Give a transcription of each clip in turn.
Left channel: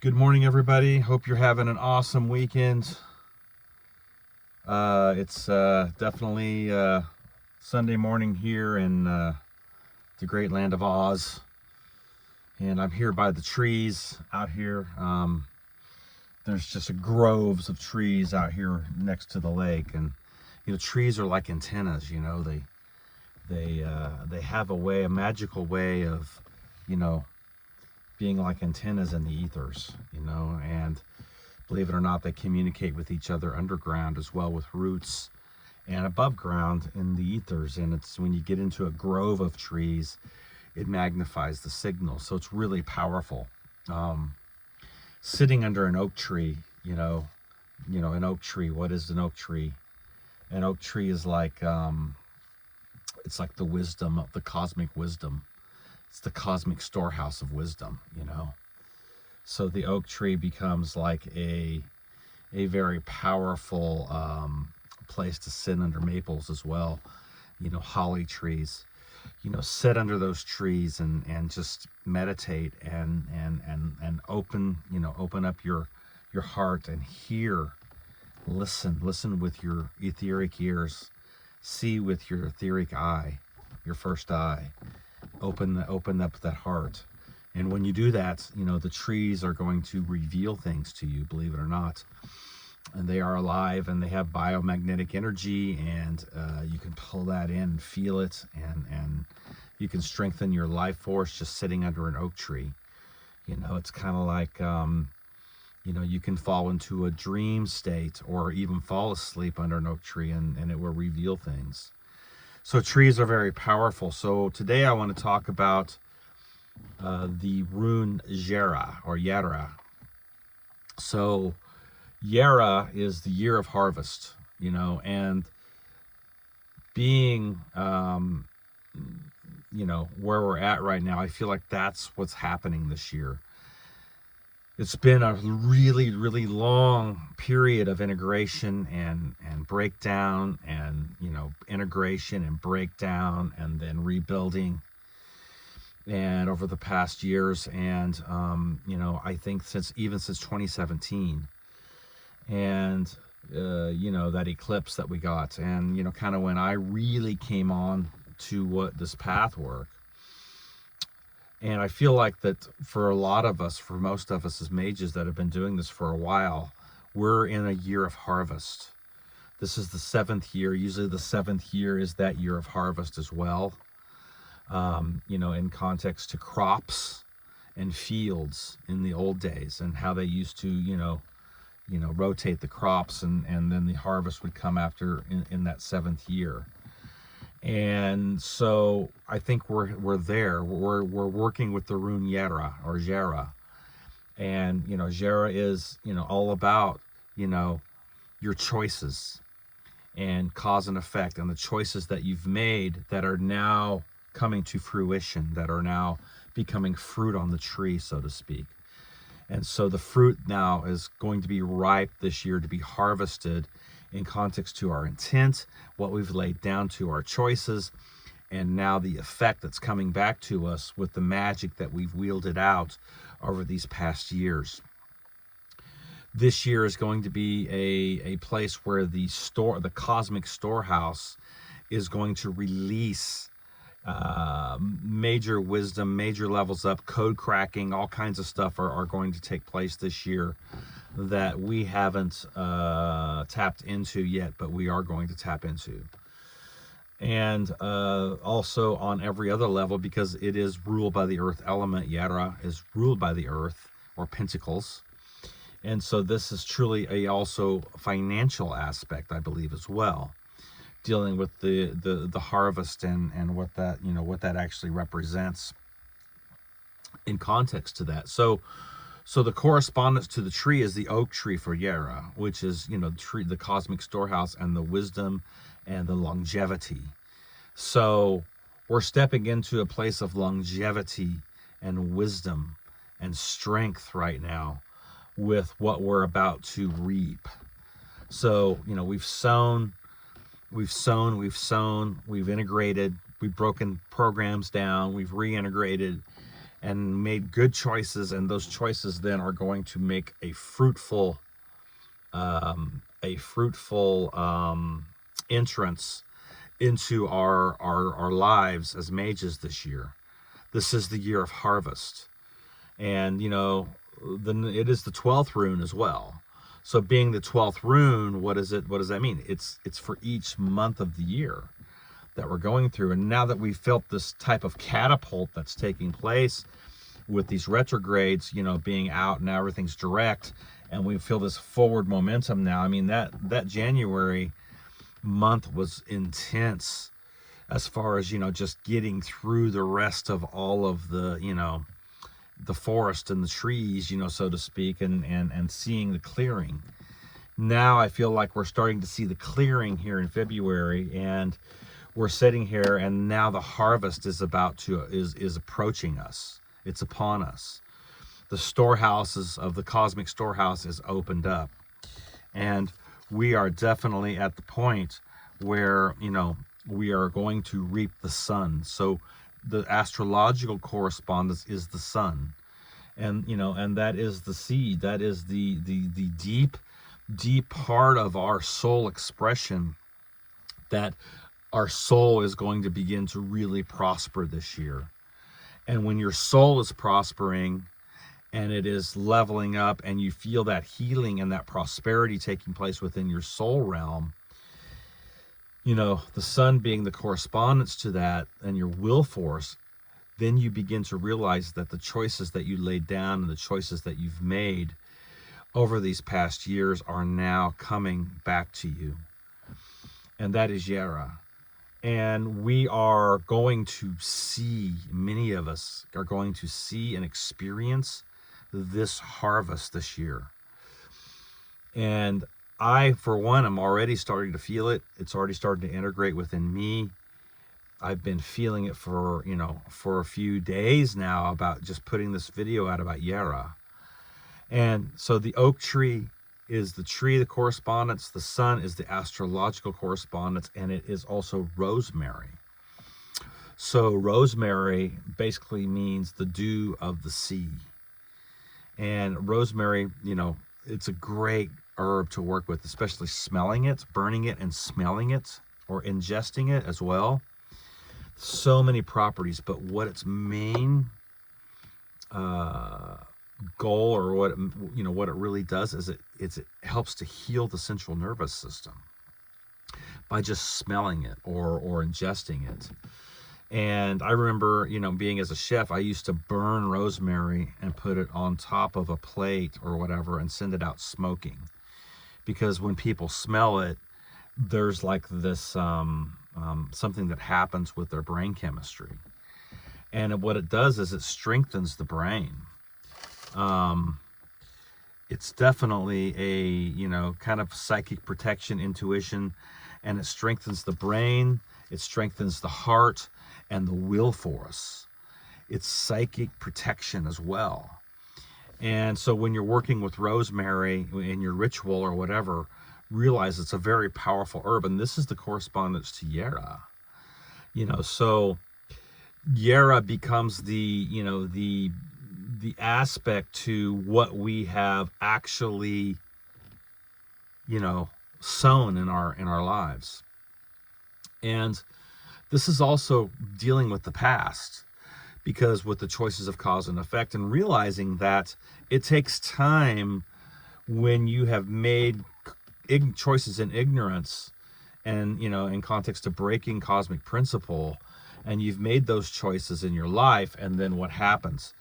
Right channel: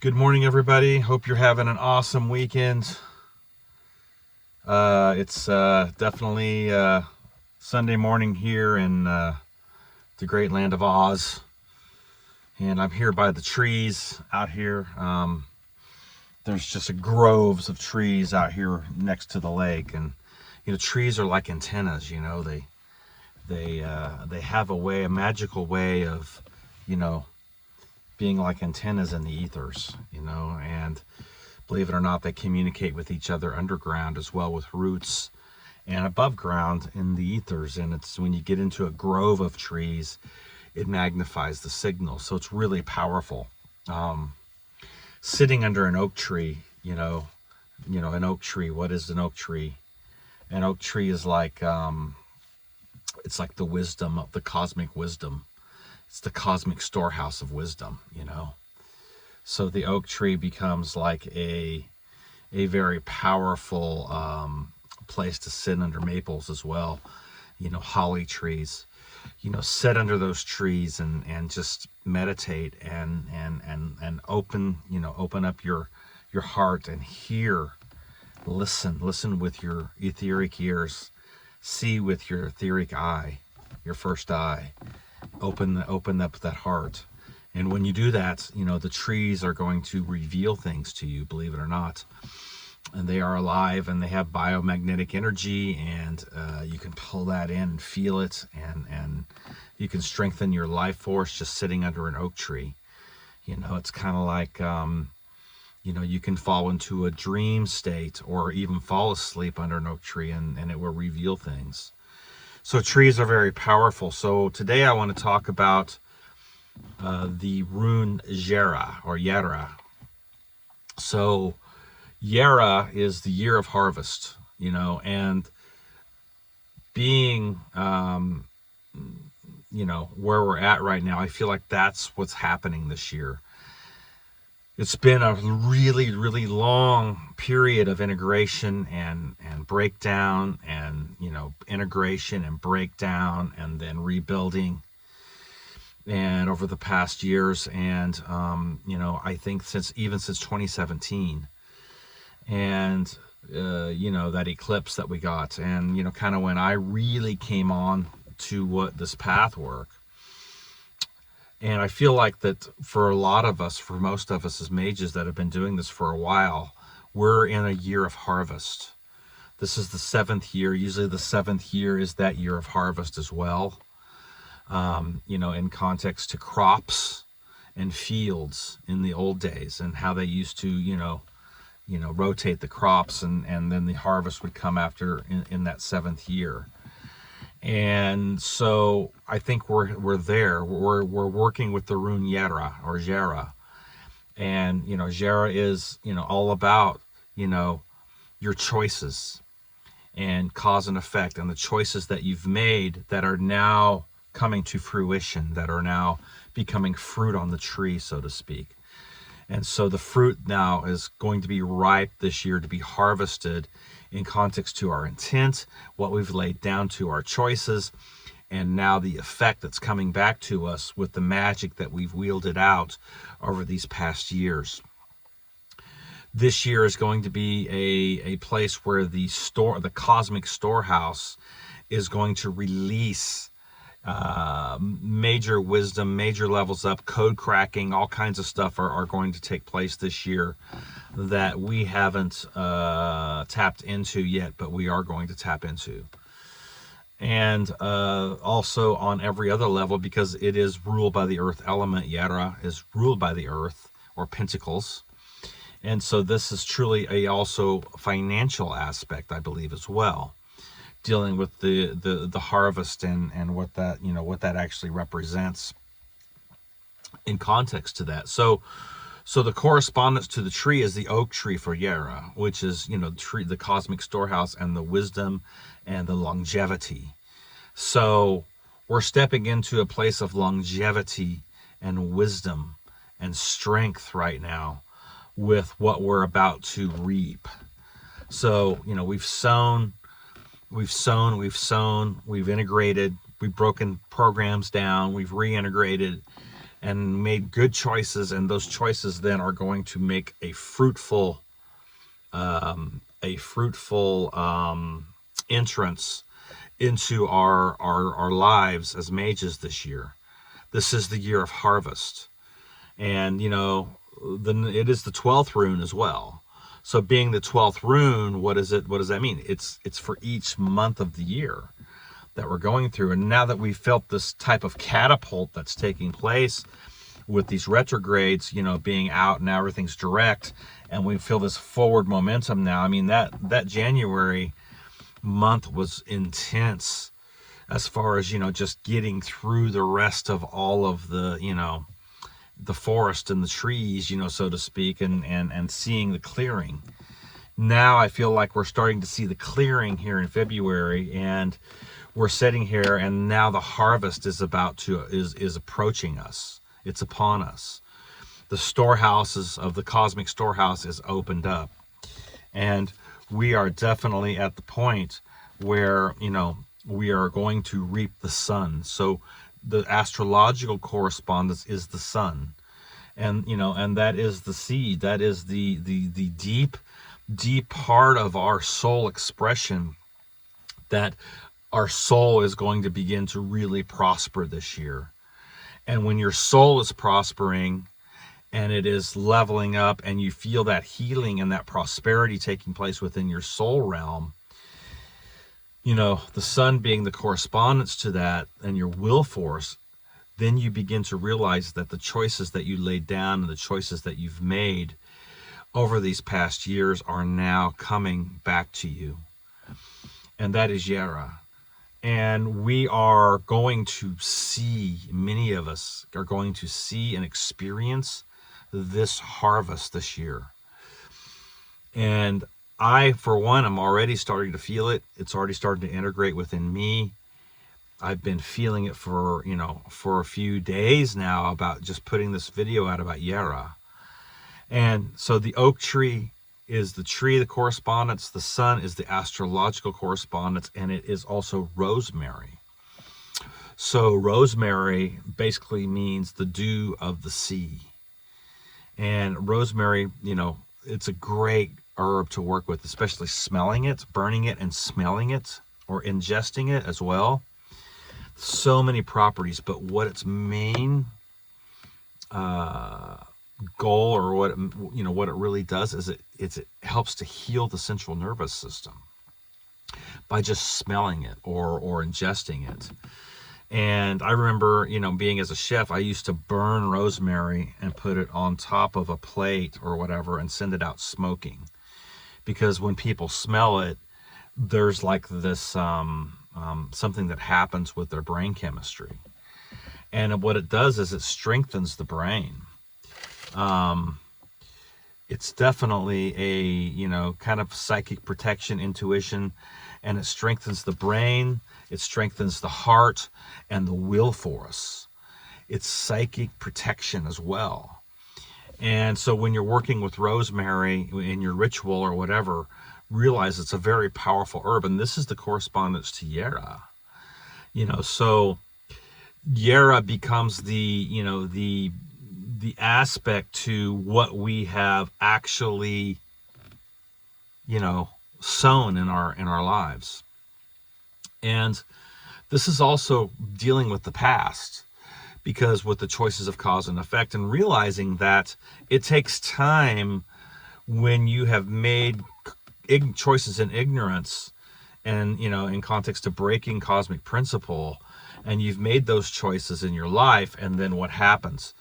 Good morning, everybody. Hope you're having an awesome weekend. It's definitely Sunday morning here in the great land of Oz. And I'm here by the trees out here. There's just groves of trees out here next to the lake. And, trees are like antennas, they have a magical way of, being like antennas in the ethers, and believe it or not, they communicate with each other underground as well, with roots and above ground in the ethers. And it's when you get into a grove of trees, it magnifies the signal. So it's really powerful. Sitting under an oak tree, an oak tree, what is an oak tree? An oak tree is like, it's like the wisdom of the cosmic wisdom. It's the cosmic storehouse of wisdom, So the oak tree becomes like a very powerful place to sit under. Maples as well, holly trees. Sit under those trees and just meditate and open up your heart and hear, listen with your etheric ears, see with your etheric eye, your first eye. Open up that heart. And when you do that, the trees are going to reveal things to you, believe it or not. And they are alive and they have biomagnetic energy, and you can pull that in and feel it, and you can strengthen your life force just sitting under an oak tree. It's kind of like, you can fall into a dream state or even fall asleep under an oak tree, and it will reveal things. So trees are very powerful. So today I want to talk about the rune JERA or JERA. So JERA is the year of harvest, and being, where we're at right now, I feel like that's what's happening this year. It's been a really, really long period of integration and breakdown, and, integration and breakdown and then rebuilding. And over the past years, and, I think since 2017, and, that eclipse that we got, and, kind of when I really came on to this path work. And I feel like that for a lot of us, for most of us as mages that have been doing this for a while, we're in a year of harvest. This is the 7th year. Usually the 7th year is that year of harvest as well. In context to crops and fields in the old days, and how they used to, rotate the crops, and then the harvest would come after in that 7th year. And so I think we're there. We're working with the rune JERA or JERA. And, JERA is, all about, your choices and cause and effect, and the choices that you've made that are now coming to fruition, that are now becoming fruit on the tree, so to speak. And so the fruit now is going to be ripe this year to be harvested in context to our intent, what we've laid down to our choices, and now the effect that's coming back to us with the magic that we've wielded out over these past years. This year is going to be a place where the cosmic storehouse is going to release major wisdom, major levels up, code cracking, all kinds of stuff are going to take place this year that we haven't tapped into yet, but we are going to tap into. And also on every other level, because it is ruled by the earth element. JERA is ruled by the earth, or pentacles. And so this is truly a also financial aspect, I believe, as well, dealing with the harvest and what that actually represents in context to that. So the correspondence to the tree is the oak tree for JERA, which is, the cosmic storehouse and the wisdom and the longevity. So we're stepping into a place of longevity and wisdom and strength right now with what we're about to reap. So, we've sown, we've integrated, we've broken programs down, we've reintegrated, and made good choices, and those choices then are going to make a fruitful entrance into our lives as mages this year. This is the year of harvest. And, it is the 12th rune as well. So being the 12th rune, what does that mean? It's for each month of the year that we're going through. And now that we've felt this type of catapult that's taking place with these retrogrades, being out, and everything's direct, and we feel this forward momentum now. I mean, that January month was intense as far as, just getting through the rest of all of the, the forest and the trees, so to speak, and seeing the clearing. Now I feel like we're starting to see the clearing here in February, and we're sitting here, and now the harvest is approaching us. It's upon us. The storehouses of the cosmic storehouse is opened up, and we are definitely at the point where, we are going to reap the sun. So the astrological correspondence is the sun, and that is the seed. That is the deep part of our soul expression, that our soul is going to begin to really prosper this year. And when your soul is prospering and it is leveling up, and you feel that healing and that prosperity taking place within your soul realm, the sun being the correspondence to that and your will force, then you begin to realize that the choices that you laid down and the choices that you've made over these past years are now coming back to you. And that is JERA. And we are going to see, many of us are going to see and experience this harvest this year. And I, for one, am already starting to feel it. It's already starting to integrate within me. I've been feeling it for a few days now, about just putting this video out about JERA. And so the oak tree is the tree of the correspondence. The sun is the astrological correspondence, and it is also rosemary. So rosemary basically means the dew of the sea. And rosemary, it's a great herb to work with, especially smelling it, burning it, and smelling it, or ingesting it as well. So many properties, but what its main goal, or what it really does, is it helps to heal the central nervous system by just smelling it or ingesting it. And I remember, being as a chef, I used to burn rosemary and put it on top of a plate or whatever and send it out smoking, because when people smell it, there's like this something that happens with their brain chemistry. And what it does is it strengthens the brain. It's definitely a, kind of psychic protection, intuition, and it strengthens the brain, it strengthens the heart and the will force. It's psychic protection as well. And so when you're working with rosemary in your ritual or whatever, realize it's a very powerful herb, and this is the correspondence to JERA. So JERA becomes the aspect to what we have actually, sown in our lives. And this is also dealing with the past, because with the choices of cause and effect, and realizing that it takes time when you have made choices in ignorance, and in context of breaking cosmic principle, and you've made those choices in your life, and then what happens?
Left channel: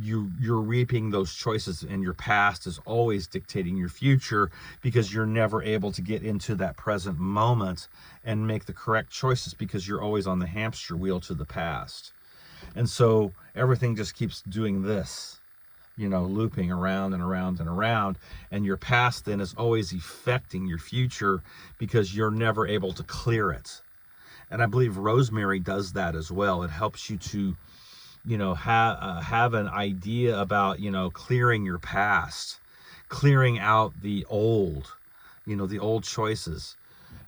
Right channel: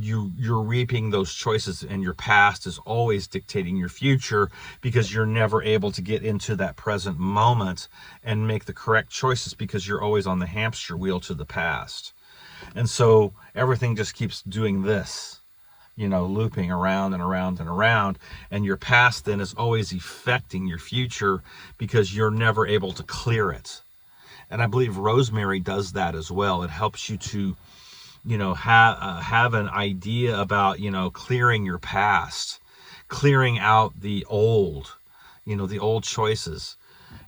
You're reaping those choices, and your past is always dictating your future, because you're never able to get into that present moment and make the correct choices, because you're always on the hamster wheel to the past. And so everything just keeps doing this, looping around and around and around, and your past then is always affecting your future, because you're never able to clear it. And I believe rosemary does that as well. It helps you to have an idea about, clearing your past, clearing out the old, the old choices.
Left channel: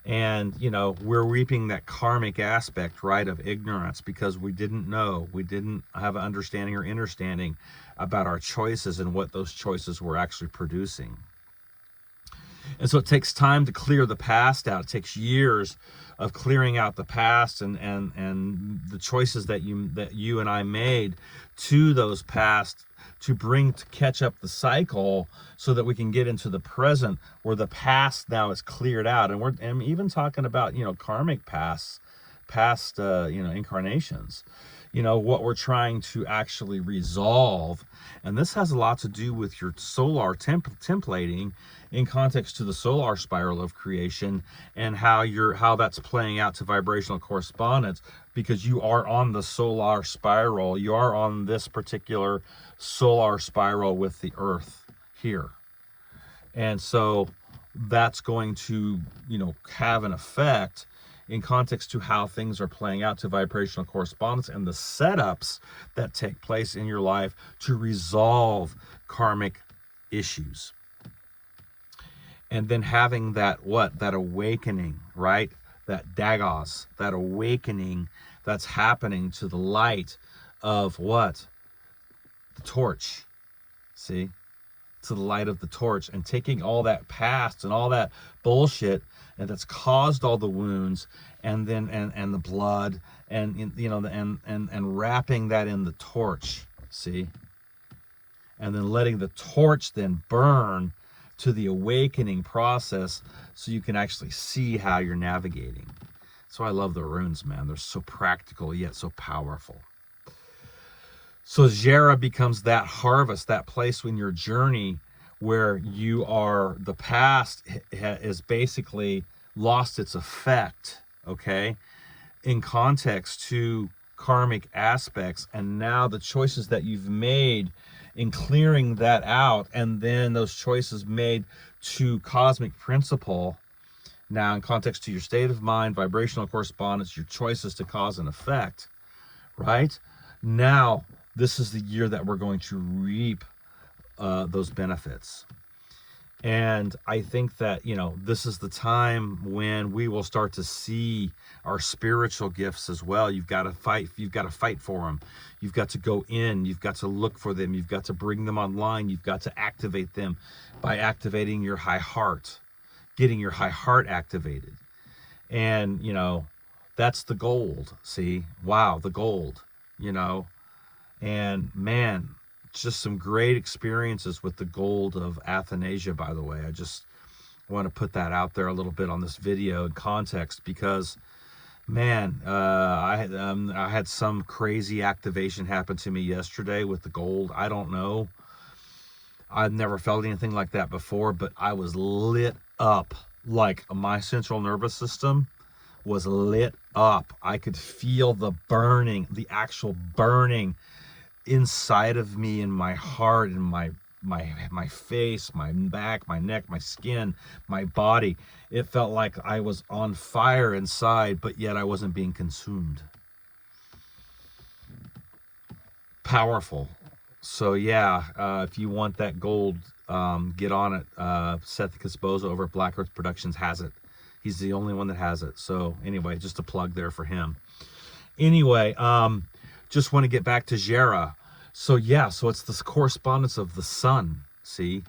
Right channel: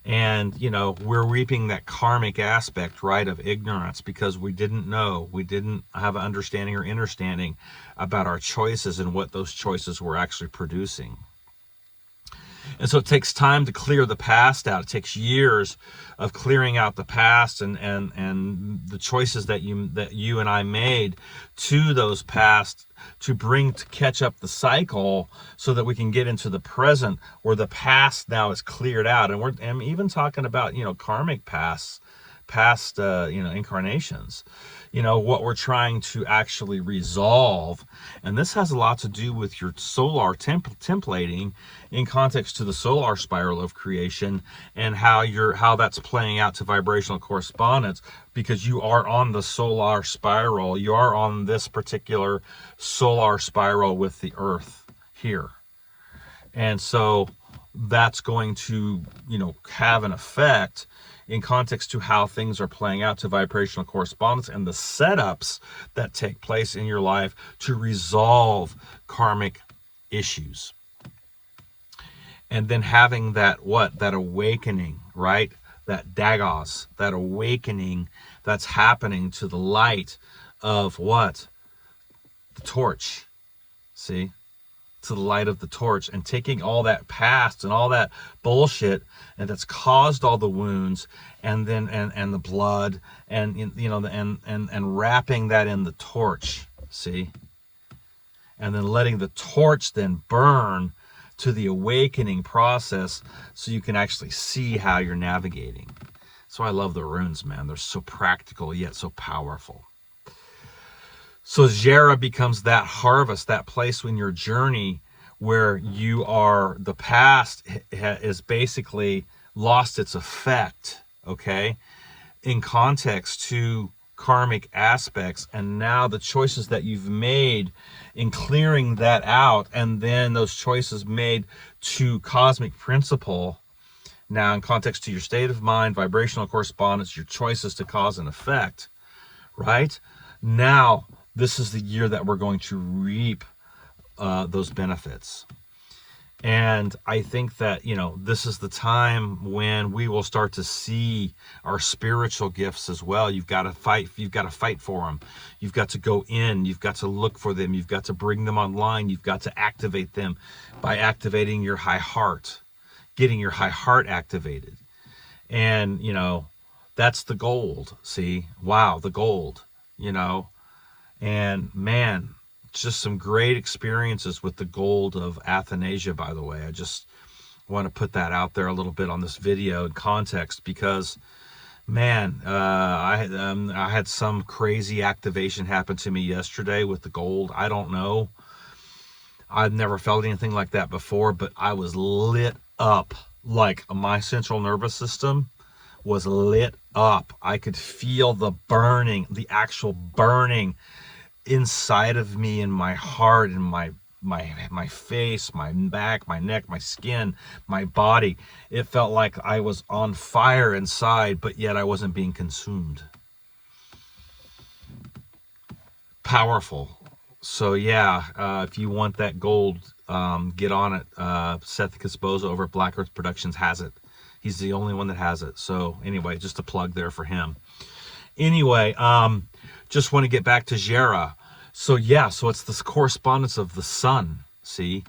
And, you know, we're reaping that karmic aspect, right, of ignorance, because we didn't know, we didn't have an understanding or understanding about our choices and what those choices were actually producing. And so it takes time to clear the past out. It takes years of clearing out the past and the choices that you and I made to those past to catch up the cycle so that we can get into the present where the past now is cleared out. And I'm even talking about, you know, karmic past you know, incarnations, you know, what we're trying to actually resolve. And this has a lot to do with your solar templating in context to the solar spiral of creation and how that's playing out to vibrational correspondence, because you are on the solar spiral. You are on this particular solar spiral with the earth here. And so that's going to, you know, have an effect in context to how things are playing out to vibrational correspondence and the setups that take place in your life to resolve karmic issues. And then having that awakening, right? That dagos, that awakening that's happening to the light of what? The torch. See? To the light of the torch, and taking all that past and all that bullshit and that's caused all the wounds and then and the blood and, you know, and wrapping that in the torch, see, and then letting the torch then burn to the awakening process so you can actually see how you're navigating. So I love the runes, man. They're so practical yet so powerful. So JERA becomes that harvest, that place in your journey where you are, the past is basically lost its effect, okay, in context to karmic aspects. And now the choices that you've made in clearing that out, and then those choices made to cosmic principle, now in context to your state of mind, vibrational correspondence, your choices to cause and effect, right? Now, this is the year that we're going to reap those benefits. And I think that, you know, this is the time when we will start to see our spiritual gifts as well. You've got to fight for them. You've got to go in. You've got to look for them. You've got to bring them online. You've got to activate them by activating your high heart, getting your high heart activated. And, you know, that's the gold. See, wow, the gold, you know. And man, just some great experiences with the gold of Athanasia, by the way. I just want to put that out there a little bit on this video in context, because man, I had some crazy activation happen to me yesterday with the gold. I don't know. I've never felt anything like that before, but I was lit up. Like my central nervous system was lit up. I could feel the burning, the actual burning inside of me, in my heart, in my face, my back, my neck, my skin, my body. It felt like I was on fire inside, but yet I wasn't being consumed. Powerful. So yeah, if you want that gold, get on it. Seth Casposa over at Black Earth Productions has it. He's the only one that has it. So anyway, just a plug there for him. Anyway, just want to get back to JERA. So yeah, so it's this correspondence of the sun, see,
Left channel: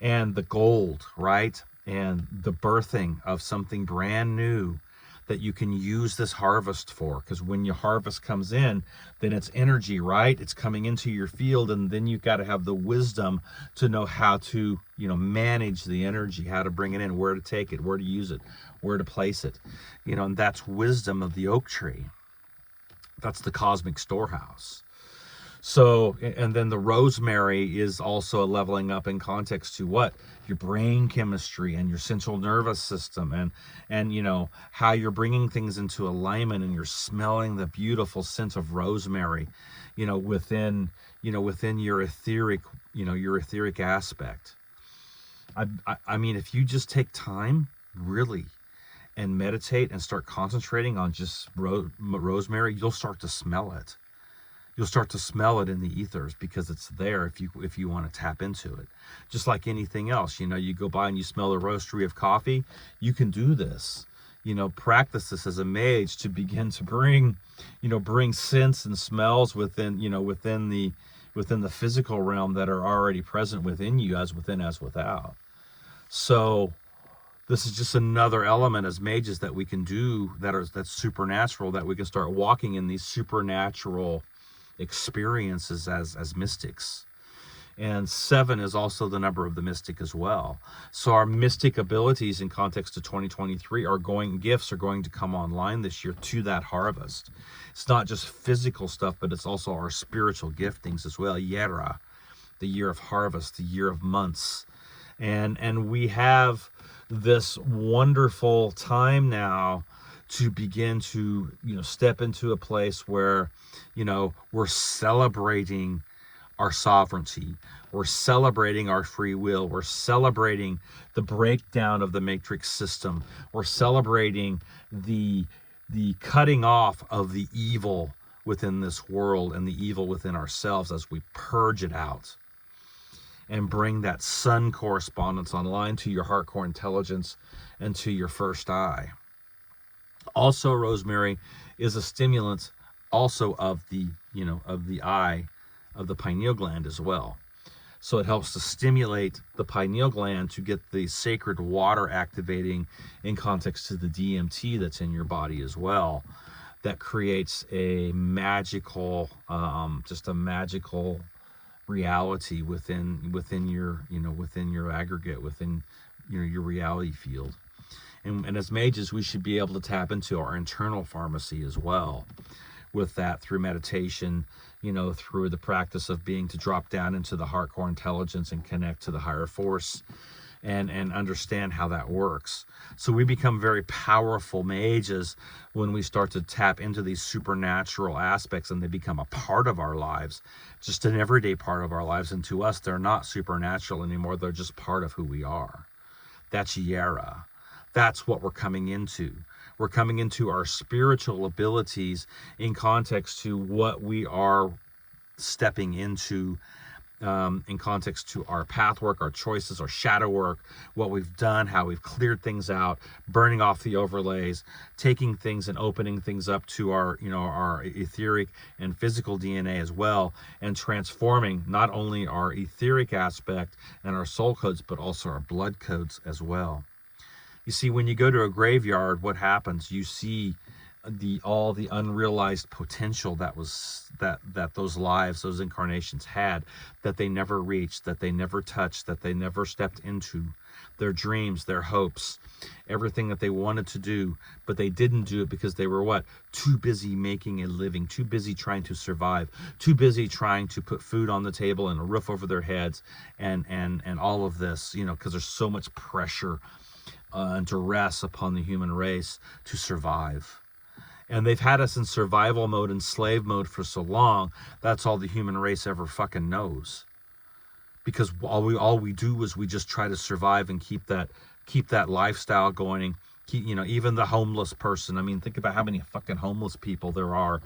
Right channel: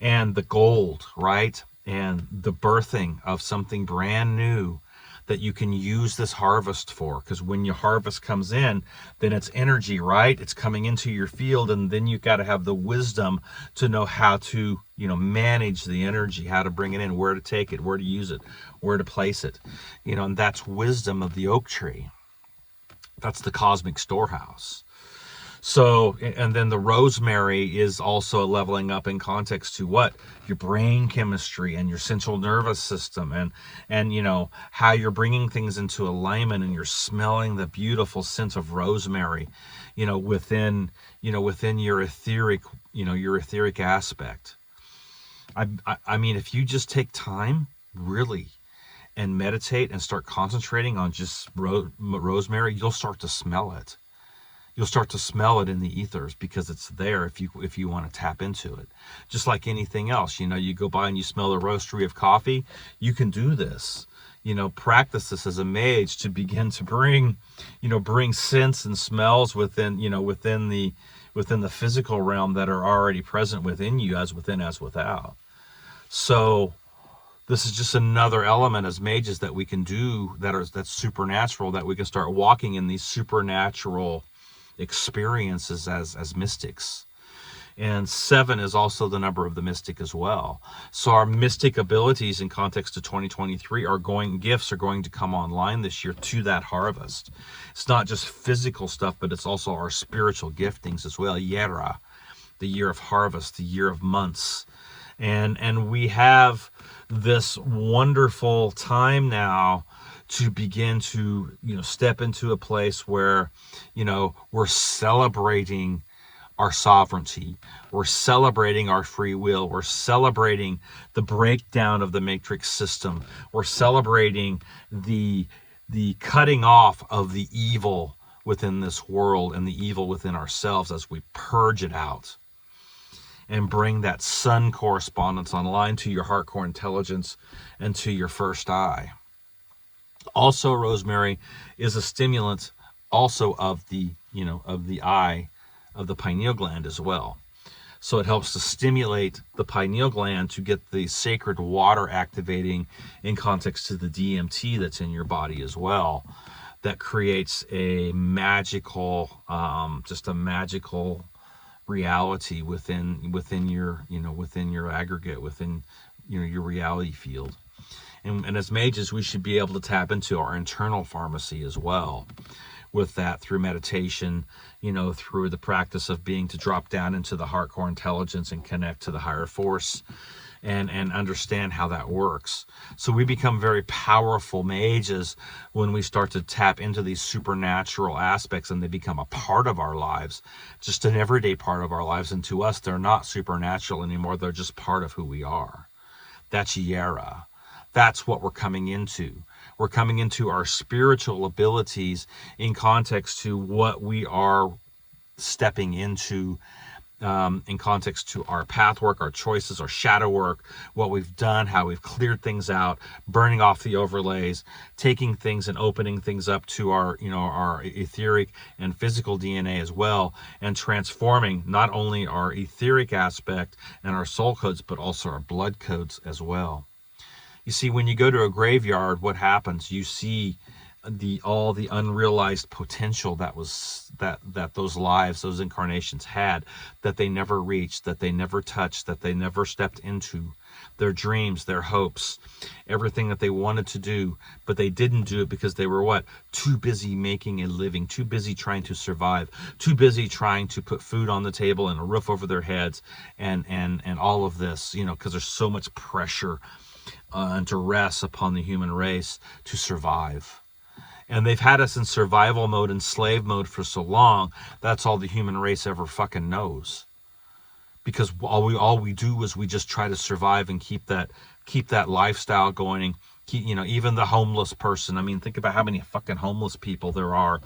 and the gold, right? And the birthing of something brand new that you can use this harvest for. Because when your harvest comes in, then it's energy, right? It's coming into your field, and then you've got to have the wisdom to know how to, you know, manage the energy, how to bring it in, where to take it, where to use it, where to place it. You know, and that's wisdom of the oak tree. That's the cosmic storehouse. So, and then the rosemary is also leveling up in context to what? Your brain chemistry and your central nervous system, and you know, how you're bringing things into alignment, and you're smelling the beautiful scent of rosemary, you know, within your etheric, you know, your etheric aspect. I mean, if you just take time, really, and meditate and start concentrating on just rosemary, you'll start to smell it. You'll start to smell it in the ethers, because it's there if you want to tap into it. Just like anything else, you know, you go by and you smell the roastery of coffee, you can do this. practice this as a mage to begin to bring scents and smells within the physical realm that are already present within you, as within as without. So this is just another element as mages that we can do that's supernatural, that we can start walking in these supernatural experiences as mystics. And 7 is also the number of the mystic as well. So our mystic abilities in context to 2023 gifts are going to come online this year to that harvest. It's not just physical stuff, but it's also our spiritual giftings as well. JERA, the year of harvest, the year of months. And we have this wonderful time now to begin to, step into a place where, we're celebrating our sovereignty. We're celebrating our free will. We're celebrating the breakdown of the matrix system. We're celebrating the cutting off of the evil within this world and the evil within ourselves as we purge it out and bring that sun correspondence online to your heart core intelligence and to your first eye. Also, rosemary is a stimulant also of the eye, of the pineal gland as well. So it helps to stimulate the pineal gland to get the sacred water activating in context to the DMT that's in your body as well. That creates a magical, just a magical reality within your, within your aggregate, within your reality field. And as mages, we should be able to tap into our internal pharmacy as well with that through meditation, through the practice of being to drop down into the heart core intelligence and connect to the higher force and understand how that works. So we become very powerful mages when we start to tap into these supernatural aspects, and they become a part of our lives, just an everyday part of our lives. And to us, they're not supernatural anymore. They're just part of who we are. That's JERA. That's what we're coming into. We're coming into our spiritual abilities in context to what we are stepping into, in context to our path work, our choices, our shadow work, what we've done, how we've cleared things out, burning off the overlays, taking things and opening things up to our, our etheric and physical DNA as well, and transforming not only our etheric aspect and our soul codes, but also our blood codes as well. You see, when you go to a graveyard, what happens? You see all the unrealized potential that those lives, those incarnations had, that they never reached, that they never touched, that they never stepped into. Their dreams, their hopes, everything that they wanted to do, but they didn't do it because they were what? Too busy making a living, too busy trying to survive, too busy trying to put food on the table and a roof over their heads, and all of this, because there's so much pressure and duress upon the human race to survive. And they've had us in survival mode and slave mode for so long, that's all the human race ever fucking knows. Because all we do is we just try to survive and keep that lifestyle going. Even the homeless person. I mean, think about how many fucking homeless people there are.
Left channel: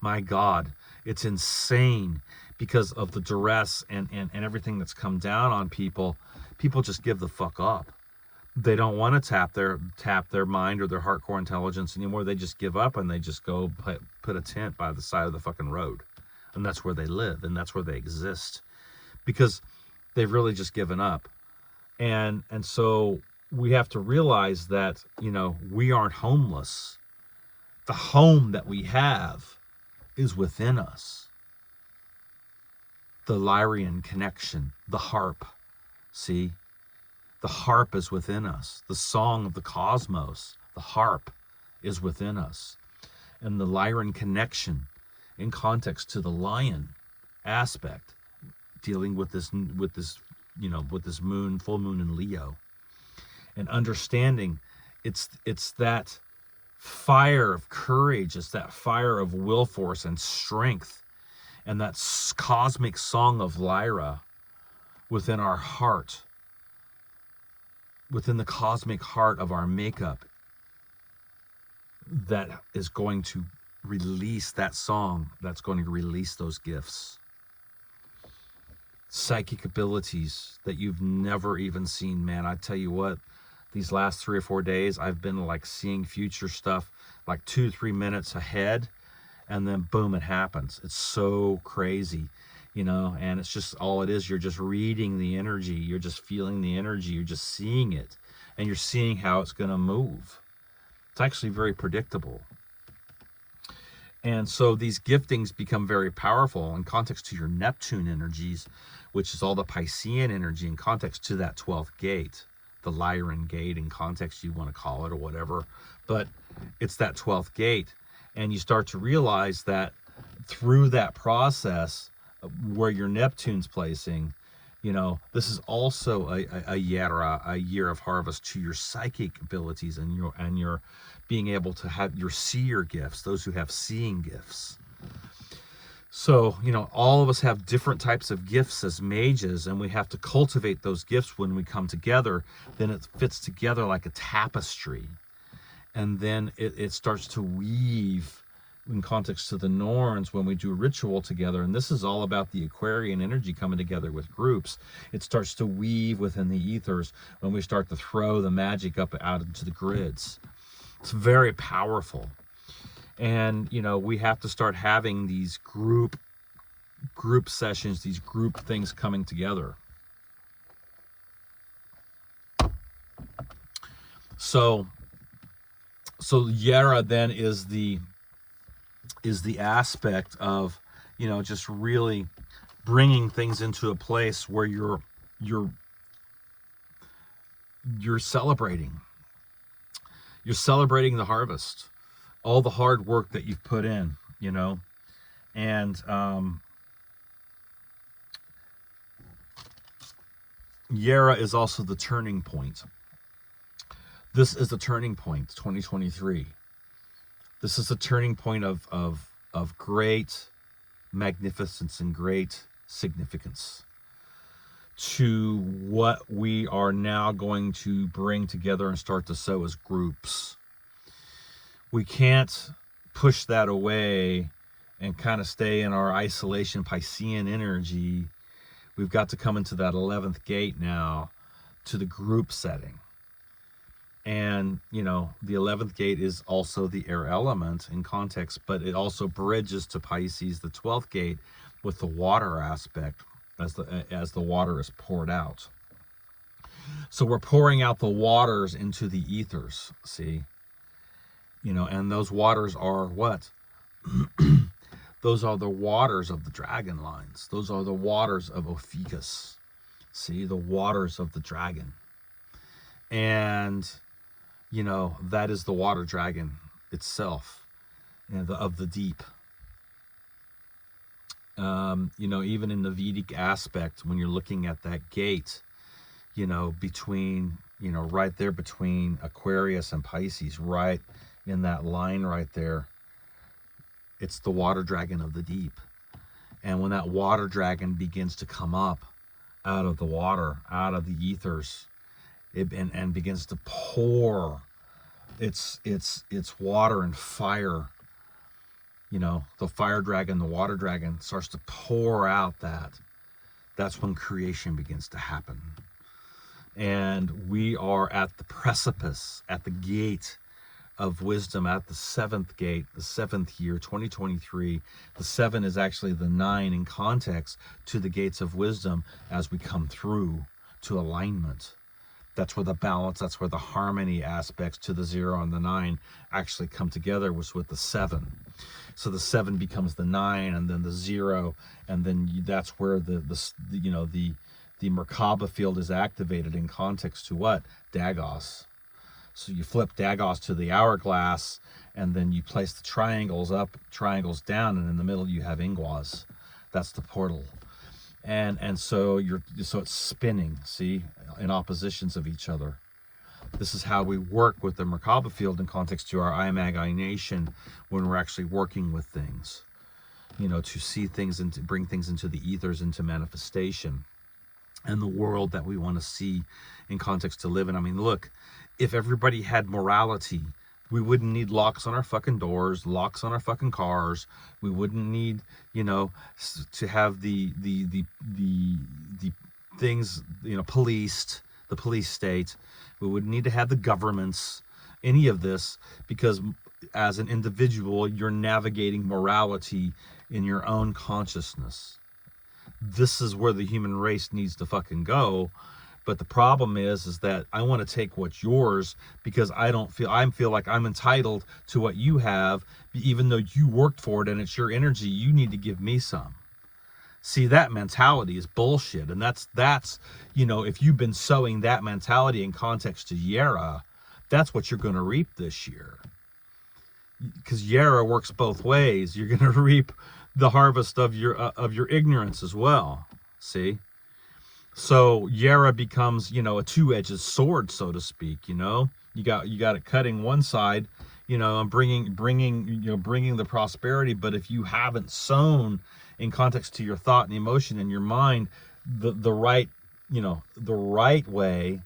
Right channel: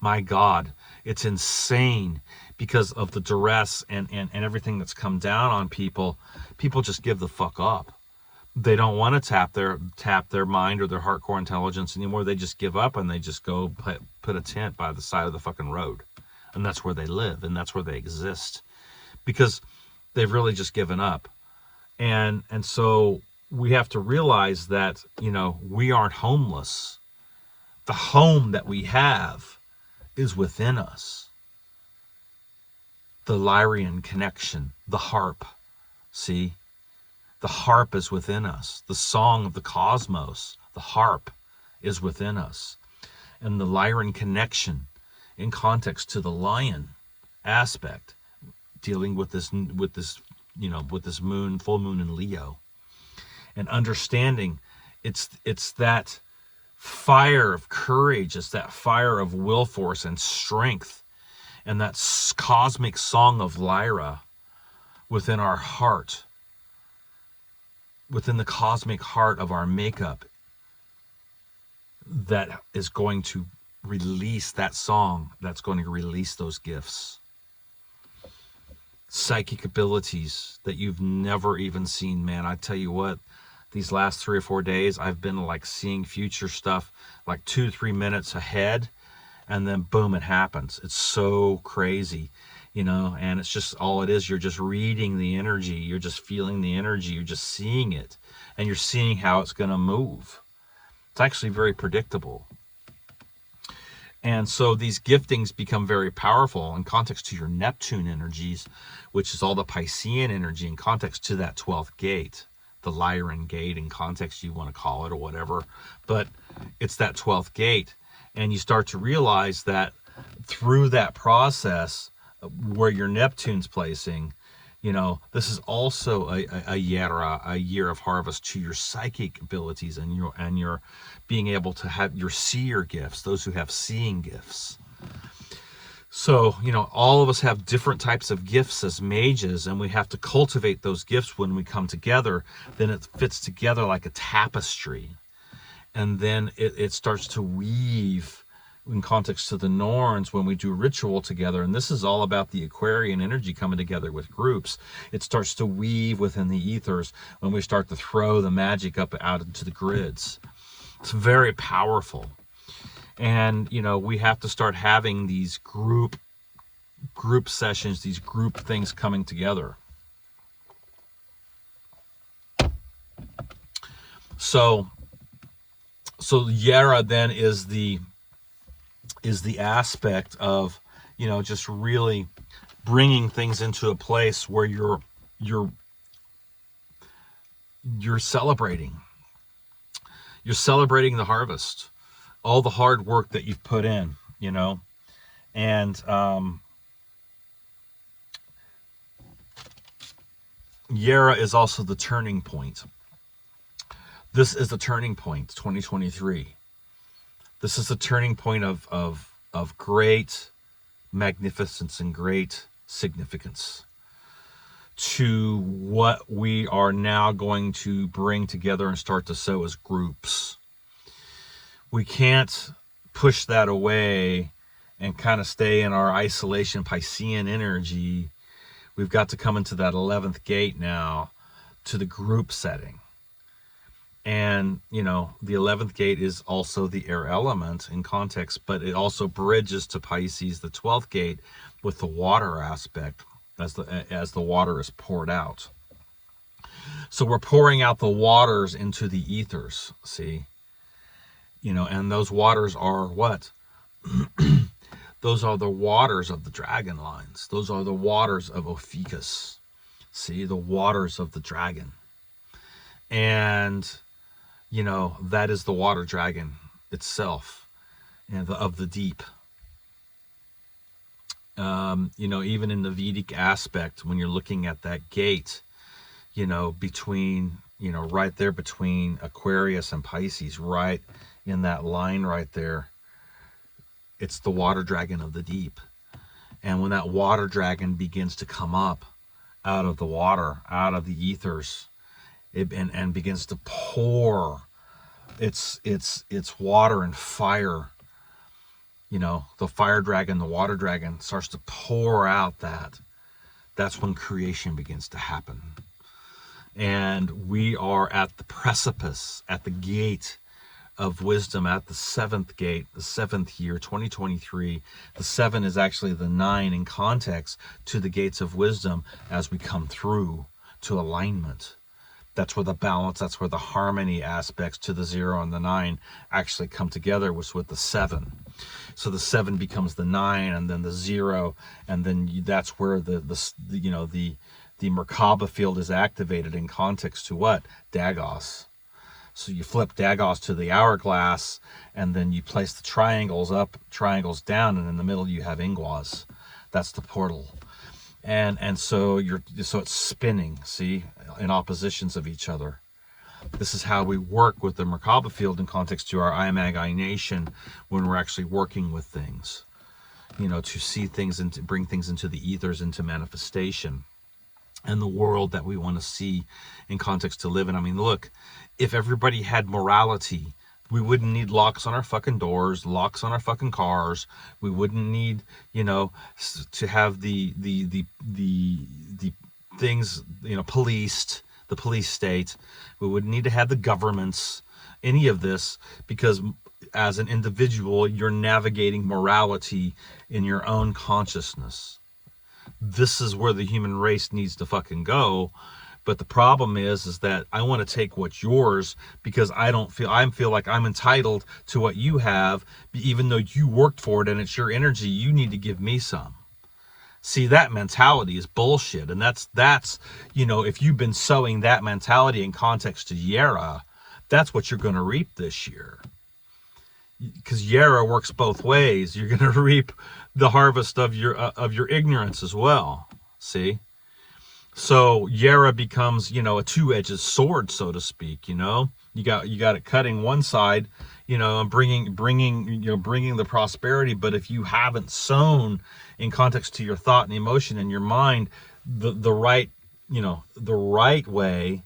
My God, it's insane because of the duress and everything that's come down on people. People just give the fuck up. They don't want to tap their mind or their heart core intelligence anymore. They just give up and they just go put a tent by the side of the fucking road. And that's where they live and that's where they exist. Because they've really just given up. And so we have to realize that, we aren't homeless. The home that we have is within us. The Lyrian connection, the harp, see? The harp is within us. The song of the cosmos, the harp, is within us. And the Lyrian connection in context to the lion aspect, dealing with this moon, full moon in Leo, and understanding it's that fire of courage, it's that fire of will force and strength, and that cosmic song of Lyra within our heart, within the cosmic heart of our makeup, that is going to release that song, that's going to release those gifts. Psychic abilities that you've never even seen, man. I tell you what, these last 3 or 4 days, I've been like seeing future stuff like 2-3 minutes ahead, and then boom, it happens. It's so crazy, and it's just all it is. You're just reading the energy. You're just feeling the energy. You're just seeing it, and you're seeing how it's going to move. It's actually very predictable. And so these giftings become very powerful in context to your Neptune energies, which is all the Piscean energy in context to that 12th gate, the Lyran gate in context, you want to call it or whatever. But it's that 12th gate. And you start to realize that through that process where your Neptune's placing, this is also a JERA, a year of harvest to your psychic abilities and your being able to have your seer gifts, those who have seeing gifts. So, all of us have different types of gifts as mages, and we have to cultivate those gifts when we come together. Then it fits together like a tapestry. And then it starts to weave in context to the Norns when we do ritual together. And this is all about the Aquarian energy coming together with groups. It starts to weave within the ethers when we start to throw the magic up out into the grids. It's very powerful. And, we have to start having these group sessions, these group things coming together. So JERA then is the aspect of, just really bringing things into a place where you're celebrating. You're celebrating the harvest, all the hard work that you've put in, and JERA is also the turning point. This is the turning point, 2023. This is the turning point of great magnificence and great significance to what we are now going to bring together and start to sow as groups. We can't push that away and kind of stay in our isolation Piscean energy. We've got to come into that 11th gate now to the group setting. And, the 11th gate is also the air element in context, but it also bridges to Pisces, the 12th gate, with the water aspect as the water is poured out. So we're pouring out the waters into the ethers, see? And those waters are what? Those are the waters of the dragon lines. Those are the waters of Ophiuchus. See, the waters of the dragon. And that is the water dragon itself, and of the deep. Even in the Vedic aspect, when you're looking at that gate, between, right there between Aquarius and Pisces, right in that line right there, it's the water dragon of the deep. And when that water dragon begins to come up out of the water, out of the ethers, and begins to pour its water and fire, the fire dragon, the water dragon starts to pour out that's when creation begins to happen. And we are at the precipice, at the gate of wisdom, at the 7th gate, the 7th year, 2023. The 7 is actually the 9 in context to the gates of wisdom as we come through to alignment. That's where the balance, that's where the harmony aspects to the 0 and the 9 actually come together, was with the 7. So the 7 becomes the 9, and then the 0, and then that's where the Merkaba field is activated in context to what? Dagos. So you flip Dagos to the hourglass, and then you place the triangles up, triangles down, and in the middle you have Ingwas. That's the portal. And so it's spinning, see, in oppositions of each other. This is how we work with the Merkaba field in context to our IMAG nation when we're actually working with things, to see things and to bring things into the ethers, into manifestation, and the world that we want to see in context to live in. I mean, look, if everybody had morality, we wouldn't need locks on our fucking doors, locks on our fucking cars. We wouldn't need, to have the things, policed, the police state. We wouldn't need to have the governments, any of this, because as an individual, you're navigating morality in your own consciousness. This is where the human race needs to fucking go. But the problem is that I want to take what's yours because I feel like I'm entitled to what you have, even though you worked for it and it's your energy. You need to give me some. See, that mentality is bullshit. And that's, you know, if you've been sowing that mentality in context to JERA, that's what you're going to reap this year. Because JERA works both ways. You're going to reap the harvest of your ignorance as well. See? So JERA becomes, you know, a two-edged sword, so to speak. You know, you got it cutting one side, you know, and bringing the prosperity. But if you haven't sown in context to your thought and emotion and your mind, the right way,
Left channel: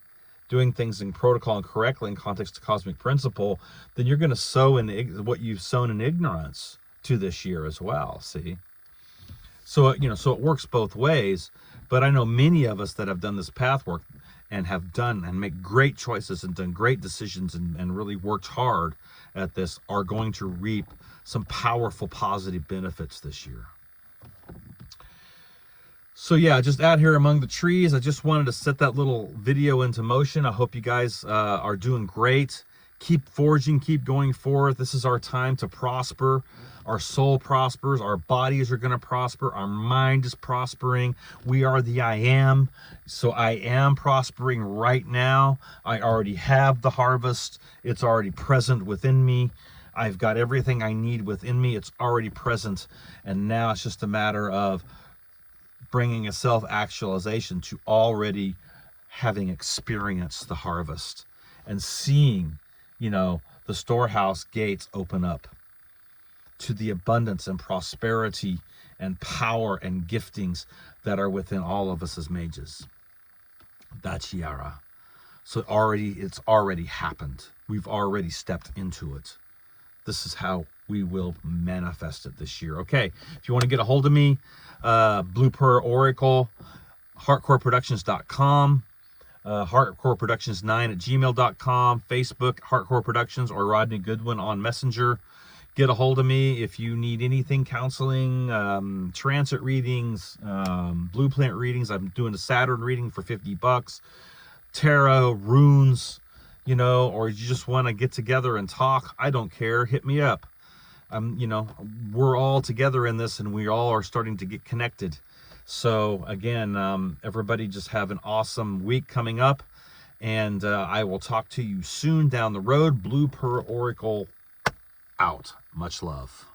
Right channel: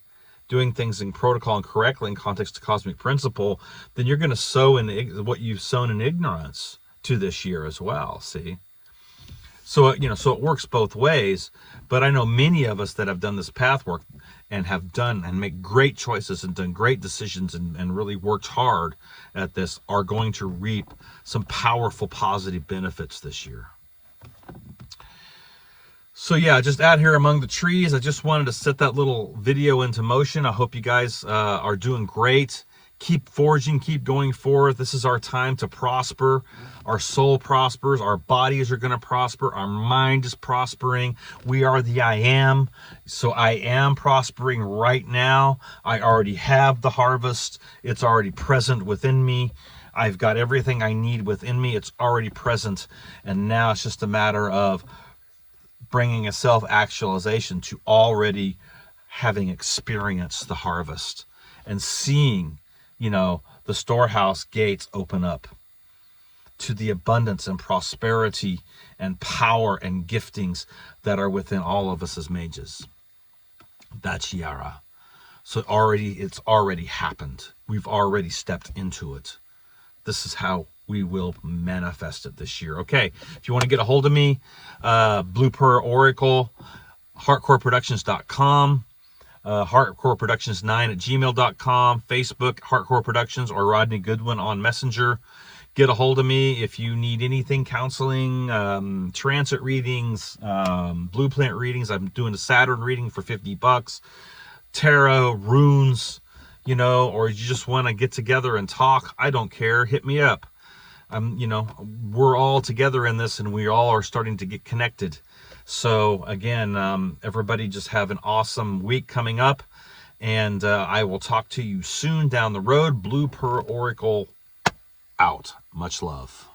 doing things in protocol and correctly in context to cosmic principle, then you're going to sow in what you've sown in ignorance to this year as well. See. So, you know, so it works both ways, but I know many of us that have done this path work and have done and make great choices and done great decisions and really worked hard at this are going to reap some powerful positive benefits this year. So yeah, just out here among the trees, I just wanted to set that little video into motion. I hope you guys are doing great. Keep forging, keep going forward. This is our time to prosper. Our soul prospers. Our bodies are going to prosper. Our mind is prospering. We are the I am. So I am prospering right now. I already have the harvest. It's already present within me. I've got everything I need within me. It's already present. And now it's just a matter of bringing a self-actualization to already having experienced the harvest and seeing, you know, the storehouse gates open up to the abundance and prosperity and power and giftings that are within all of us as mages. That's JERA. So it's already happened. We've already stepped into it. This is how we will manifest it this year. Okay, if you want to get a hold of me, Blue Pearl Oracle, heartcoreproductions.com, heartcoreproductions9@gmail.com, Facebook, Heartcore Productions, or Rodney Goodwin on Messenger. Get a hold of me if you need anything, counseling, transit readings, blueprint readings. I'm doing a Saturn reading for $50, tarot, runes, you know, or you just want to get together and talk. I don't care. Hit me up. You know, we're all together in this and we all are starting to get connected. So again, everybody just have an awesome week coming up, and I will talk to you soon down the road. Blue Pearl Oracle out. Much love.